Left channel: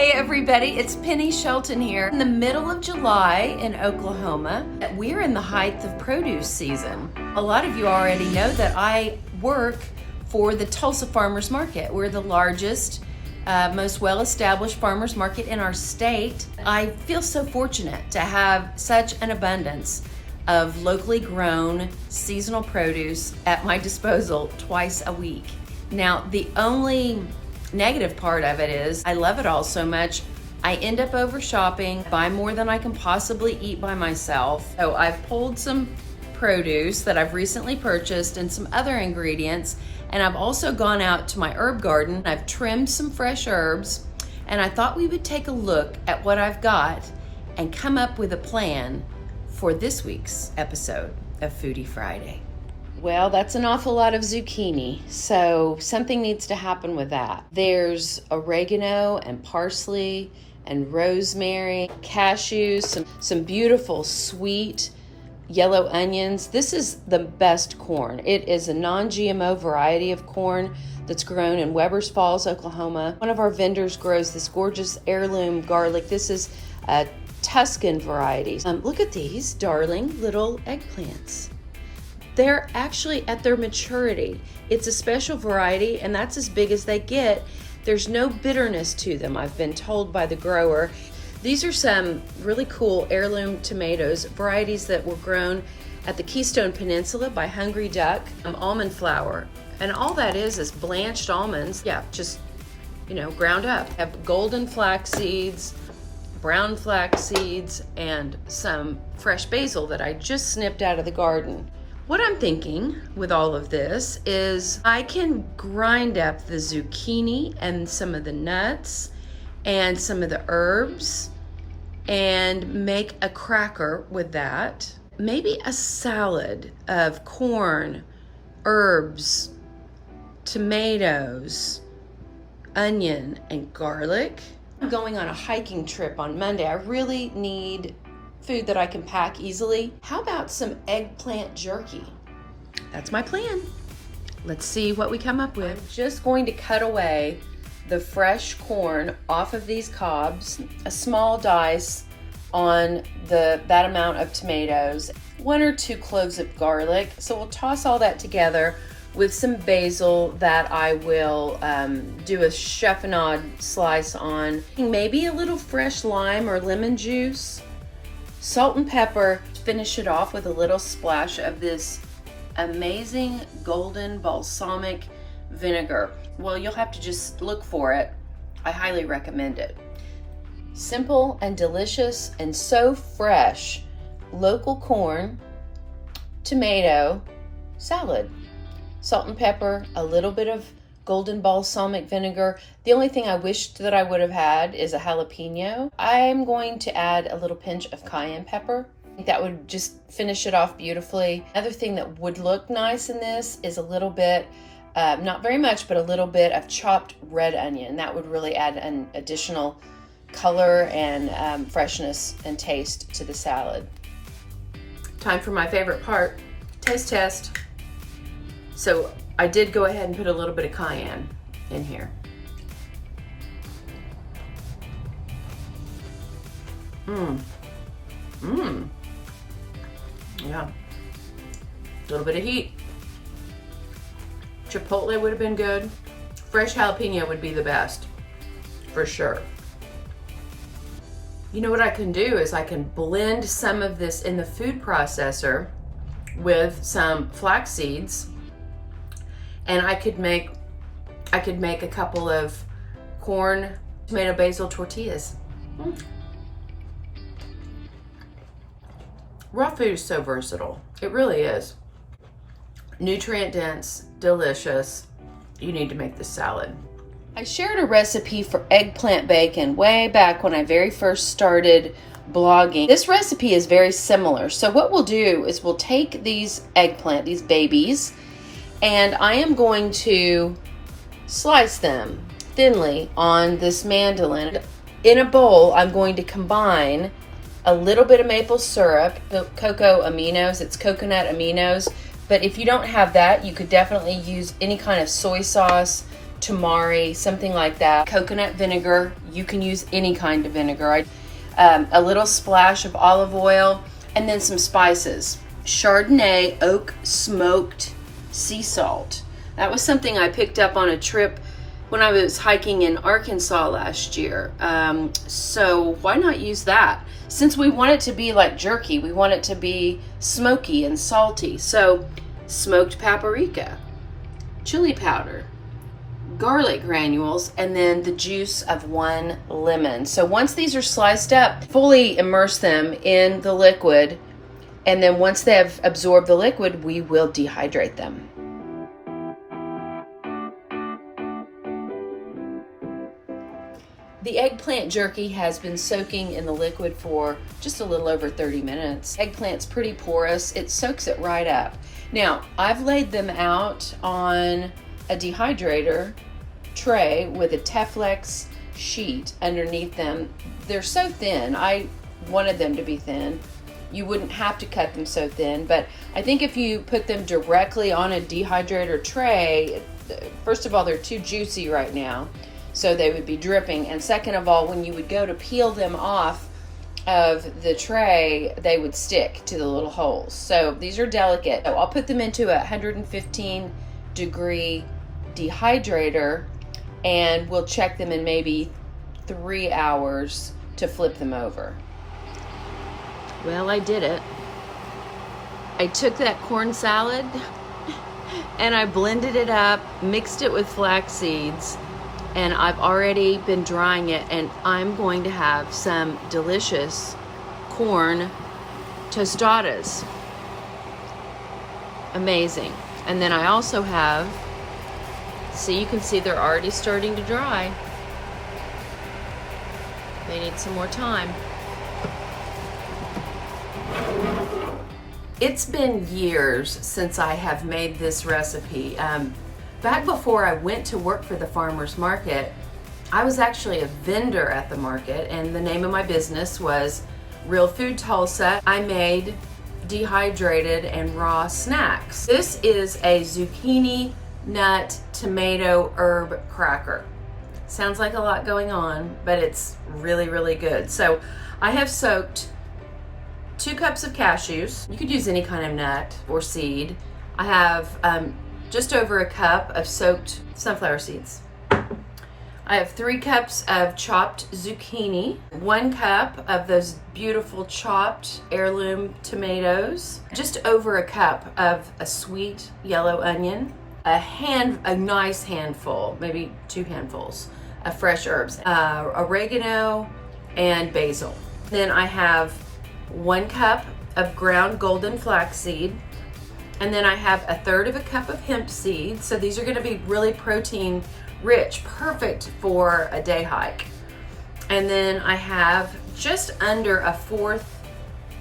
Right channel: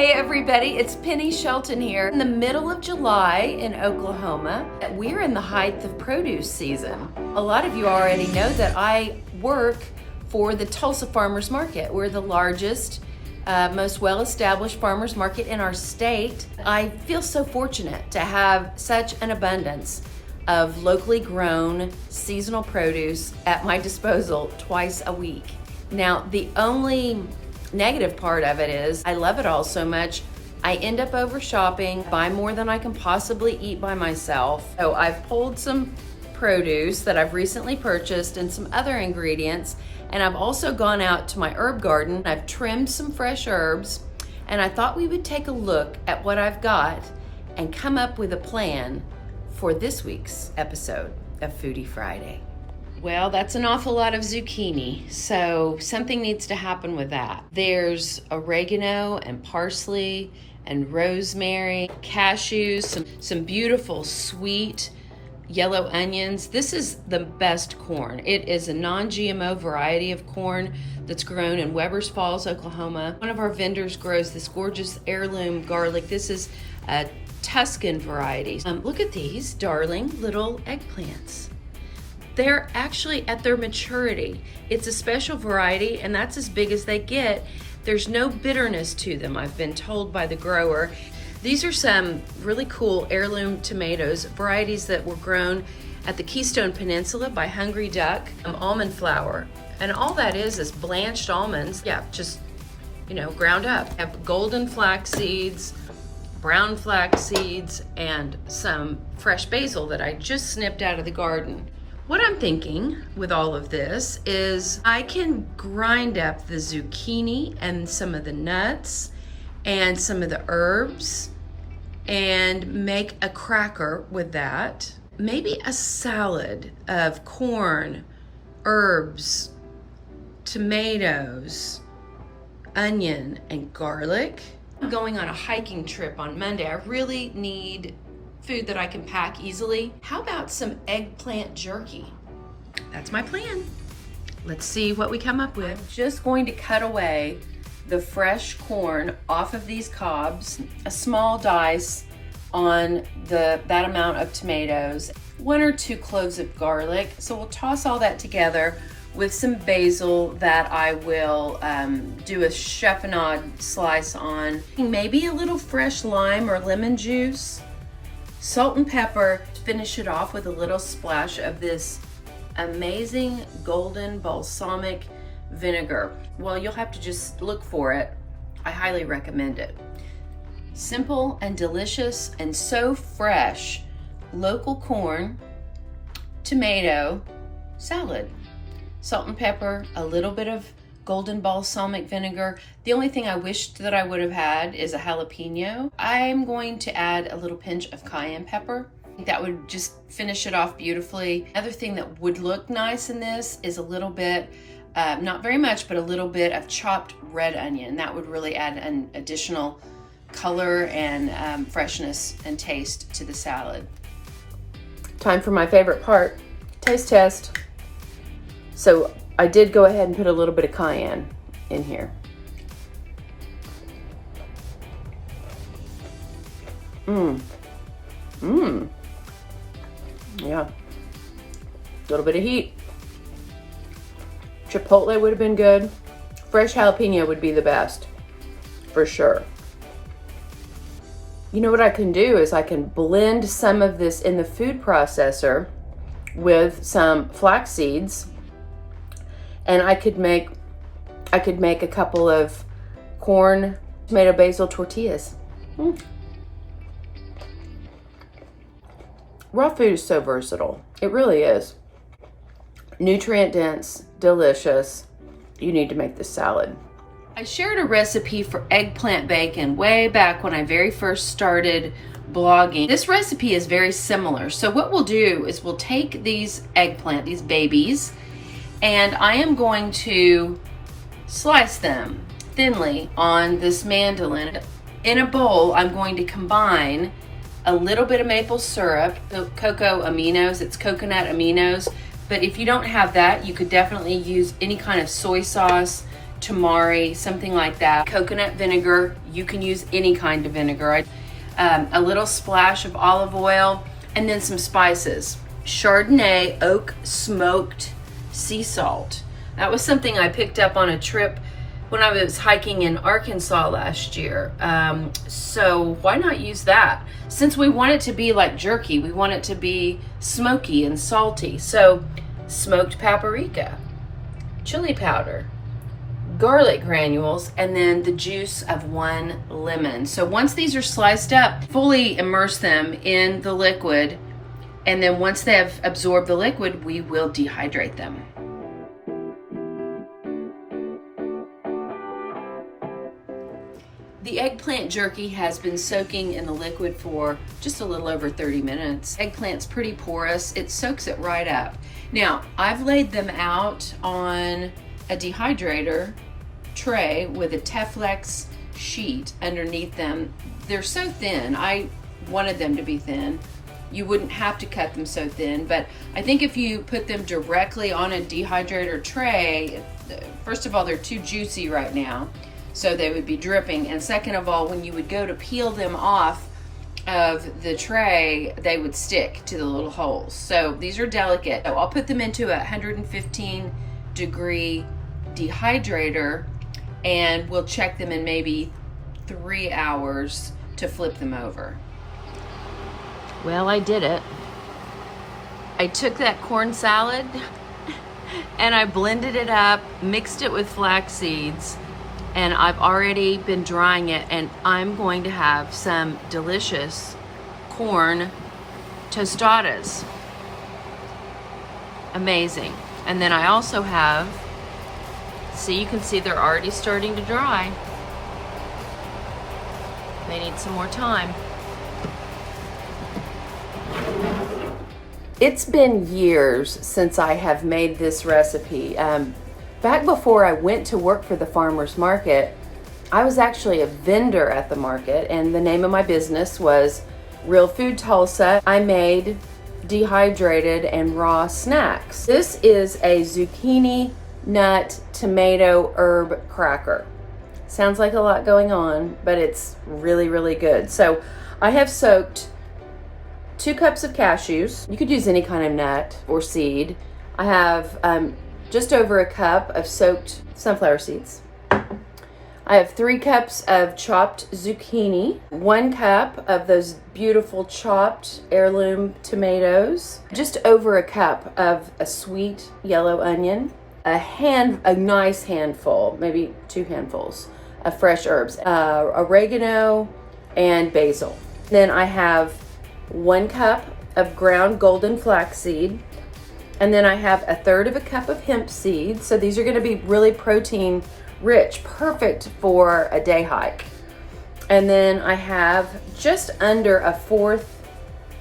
Hey everybody, it's Penny Shelton here. In the middle of July in Oklahoma, we're in the height of produce season. A lot of you already know that I work for the Tulsa Farmers Market. We're the largest, most well-established farmers market in our state. I feel so fortunate to have such an abundance of locally grown seasonal produce at my disposal twice a week. Now, the only negative part of it is I love it all so much, I end up over shopping, buy more than I can possibly eat by myself. So I've pulled some produce that I've recently purchased and some other ingredients, and I've also gone out to my herb garden. I've trimmed some fresh herbs, and I thought we would take a look at what I've got and come up with a plan for this week's episode of Foodie Friday. Well, that's an awful lot of zucchini, so something needs to happen with that. There's oregano and parsley and rosemary, cashews, some beautiful sweet yellow onions. This is the best corn. It is a non-GMO variety of corn that's grown in Webbers Falls, Oklahoma. One of our vendors grows this gorgeous heirloom garlic. This is a Tuscan variety. Look at these darling little eggplants. They're actually at their maturity. It's a special variety, and that's as big as they get. There's no bitterness to them, I've been told by the grower. These are some really cool heirloom tomatoes, varieties that were grown at the Keystone Peninsula by Hungry Duck. Almond flour, and all that is blanched almonds. Yeah, just, ground up. I have golden flax seeds, brown flax seeds, and some fresh basil that I just snipped out of the garden. What I'm thinking with all of this is I can grind up the zucchini and some of the nuts and some of the herbs and make a cracker with that. Maybe a salad of corn, herbs, tomatoes, onion, and garlic. I'm going on a hiking trip on Monday. I really need food that I can pack easily. How about some eggplant jerky? That's my plan. Let's see what we come up with. I'm just going to cut away the fresh corn off of these cobs, a small dice on that amount of tomatoes, 1 or 2 cloves of garlic. So we'll toss all that together with some basil that I will do a chiffonade slice on. Maybe a little fresh lime or lemon juice. Salt and pepper. Finish it off with a little splash of this amazing golden balsamic vinegar. Well, you'll have to just look for it. I highly recommend it. Simple and delicious and so fresh. Local corn, tomato, salad. Salt and pepper, a little bit of golden balsamic vinegar. The only thing I wished that I would have had is a jalapeno. I'm going to add a little pinch of cayenne pepper. I think that would just finish it off beautifully. Another thing that would look nice in this is a little bit, not very much, but a little bit of chopped red onion. That would really add an additional color and freshness and taste to the salad. Time for my favorite part, taste test. So I did go ahead and put a little bit of cayenne in here. Yeah. A little bit of heat. Chipotle would have been good. Fresh jalapeno would be the best, for sure. You know what I can do is I can blend some of this in the food processor with some flax seeds, and I could make a couple of corn, tomato, basil tortillas. Raw food is so versatile. It really is. Nutrient dense, delicious. You need to make this salad. I shared a recipe for eggplant bacon way back when I very first started blogging. This recipe is very similar. So what we'll do is we'll take these eggplant, these babies, and I am going to slice them thinly on this mandolin. In a bowl, I'm going to combine a little bit of maple syrup, the cocoa aminos, it's coconut aminos, but if you don't have that, you could definitely use any kind of soy sauce, tamari, something like that. Coconut vinegar, you can use any kind of vinegar. A little splash of olive oil, and then some spices. Chardonnay oak smoked sea salt. That was something I picked up on a trip when I was hiking in Arkansas last year. So why not use that? Since we want it to be like jerky, we want it to be smoky and salty. So smoked paprika, chili powder, garlic granules, and then the juice of 1 lemon. So once these are sliced up, fully immerse them in the liquid, and then once they have absorbed the liquid, we will dehydrate them. The eggplant jerky has been soaking in the liquid for just a little over 30 minutes. Eggplant's pretty porous. It soaks it right up. Now, I've laid them out on a dehydrator tray with a Teflex sheet underneath them. They're so thin. I wanted them to be thin. You wouldn't have to cut them so thin, but I think if you put them directly on a dehydrator tray, first of all, they're too juicy right now, so they would be dripping. And second of all, when you would go to peel them off of the tray, they would stick to the little holes. So these are delicate. So I'll put them into a 115 degree dehydrator, and we'll check them in maybe 3 hours to flip them over. Well, I did it. I took that corn salad and I blended it up, mixed it with flax seeds, and I've already been drying it, and I'm going to have some delicious corn tostadas. Amazing. And then I also have, see, you can see they're already starting to dry. They need some more time. It's been years since I have made this recipe. Back before I went to work for the farmer's market, I was actually a vendor at the market, and the name of my business was Real Food Tulsa. I made dehydrated and raw snacks. This is a zucchini, nut, tomato, herb cracker. Sounds like a lot going on, but it's really, really good. So I have soaked 2 cups of cashews. You could use any kind of nut or seed. I have just over a cup of soaked sunflower seeds. I have 3 cups of chopped zucchini, 1 cup of those beautiful chopped heirloom tomatoes, just over a cup of a sweet yellow onion, a nice handful, maybe 2 handfuls of fresh herbs, oregano and basil. Then I have 1 cup of ground golden flaxseed, and then I have 1/3 of a cup of hemp seeds. So these are going to be really protein rich, perfect for a day hike. And then I have just under 1/4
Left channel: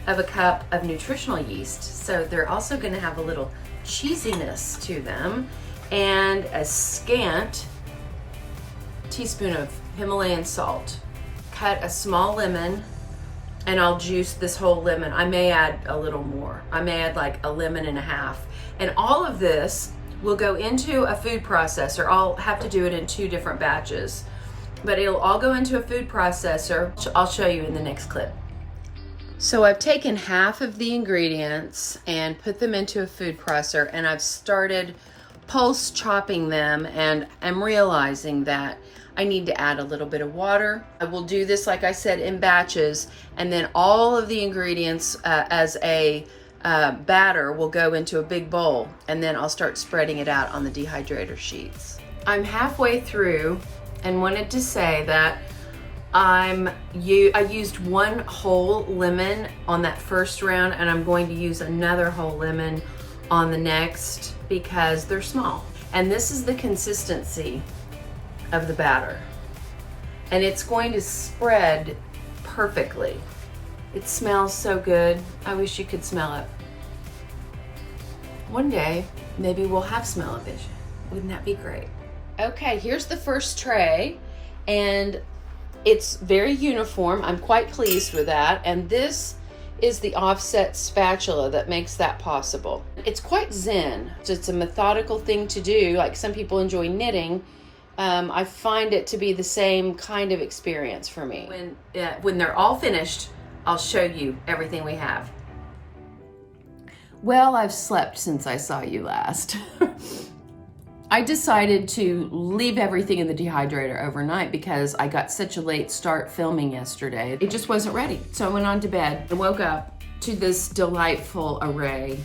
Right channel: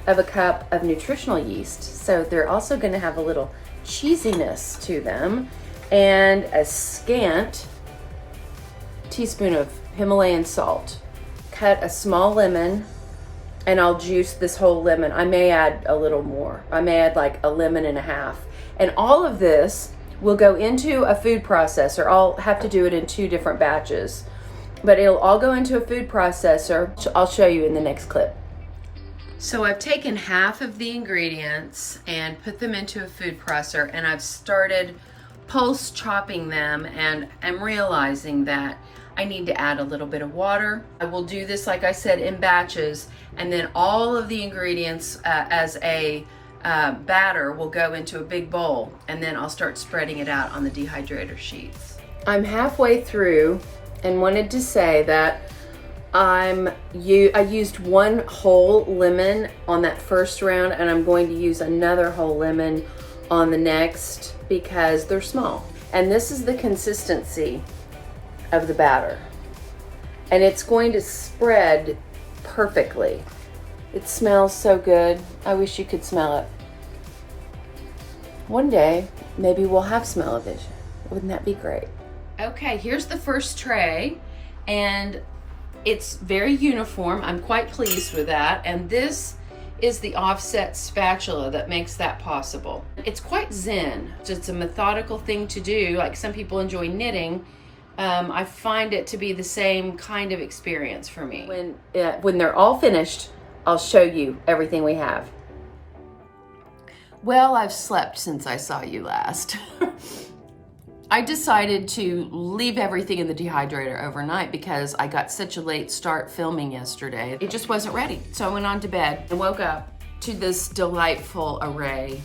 of a cup of nutritional yeast. So they're also going to have a little cheesiness to them, and a scant teaspoon of Himalayan salt. Cut a small lemon, and I'll juice this whole lemon. I may add a little more. I may add like 1.5 lemons. And all of this will go into a food processor. I'll have to do it in 2 different batches, but it'll all go into a food processor. I'll show you in the next clip. So I've taken half of the ingredients and put them into a food processor, and I've started pulse chopping them, and I'm realizing that I need to add a little bit of water. I will do this, like I said, in batches, and then all of the ingredients as a batter will go into a big bowl, and then I'll start spreading it out on the dehydrator sheets. I'm halfway through and wanted to say that I used 1 whole lemon on that first round, and I'm going to use another whole lemon on the next because they're small. And this is the consistency of the batter, and it's going to spread perfectly. It smells so good. I wish you could smell it. One day, maybe we'll have smell-o-vision. Wouldn't that be great? Okay, here's the first tray, and it's very uniform. I'm quite pleased with that. And this is the offset spatula that makes that possible. It's quite zen. So it's a methodical thing to do. Like some people enjoy knitting. I find it to be the same kind of experience for me. When they're all finished, I'll show you everything we have. Well, I've slept since I saw you last. I decided to leave everything in the dehydrator overnight because I got such a late start filming yesterday. It just wasn't ready. So I went on to bed and woke up to this delightful array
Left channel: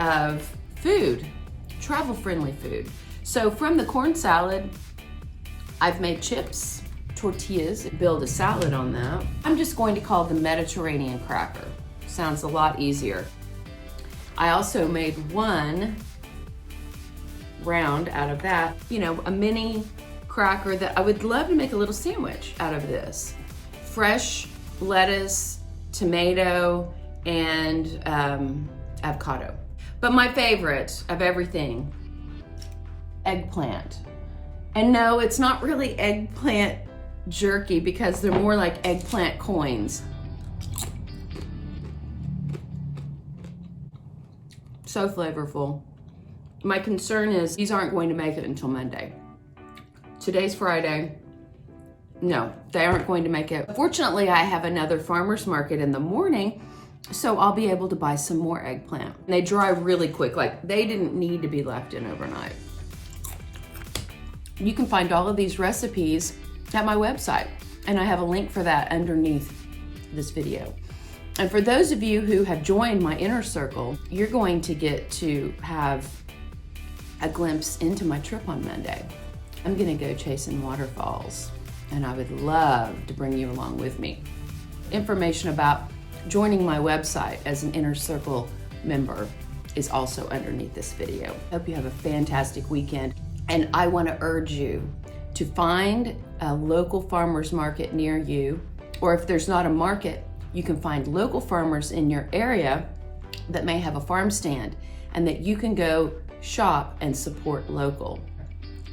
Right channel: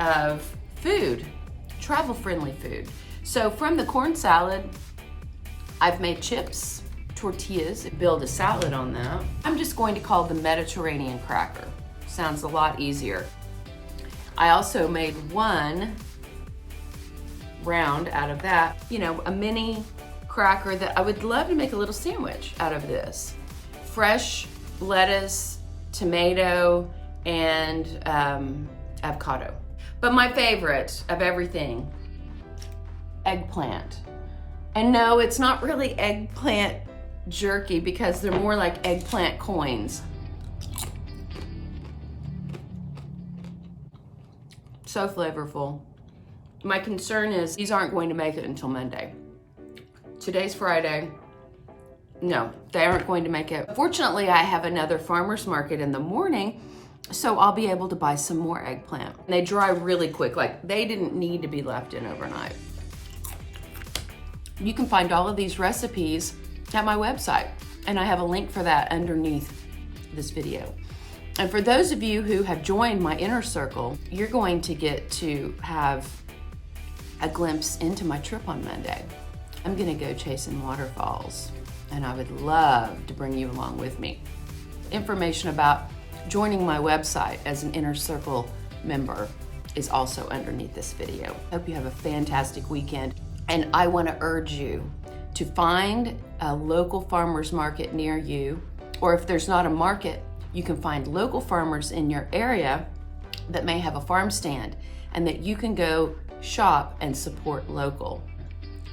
of food, travel-friendly food. So from the corn salad, I've made chips, tortillas, build a salad on that. I'm just going to call the Mediterranean cracker. Sounds a lot easier. I also made one round out of that, a mini cracker that I would love to make a little sandwich out of this. Fresh lettuce, tomato, and avocado. But my favorite of everything, eggplant. And no, it's not really eggplant jerky because they're more like eggplant coins. So flavorful. My concern is these aren't going to make it until Monday. Today's Friday. No, they aren't going to make it. Fortunately, I have another farmer's market in the morning, so I'll be able to buy some more eggplant. And they dry really quick, like they didn't need to be left in overnight. You can find all of these recipes at my website, and I have a link for that underneath this video. And for those of you who have joined my inner circle, you're going to get to have a glimpse into my trip on Monday. I'm gonna go chasing waterfalls, and I would love to bring you along with me. Information about joining my website as an inner circle member is also underneath this video. Hope you have a fantastic weekend. And I want to urge you to find a local farmer's market near you, or if there's not a market, you can find local farmers in your area that may have a farm stand and that you can go shop and support local.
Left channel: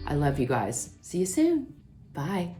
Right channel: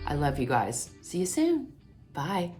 I love you guys. See you soon. Bye.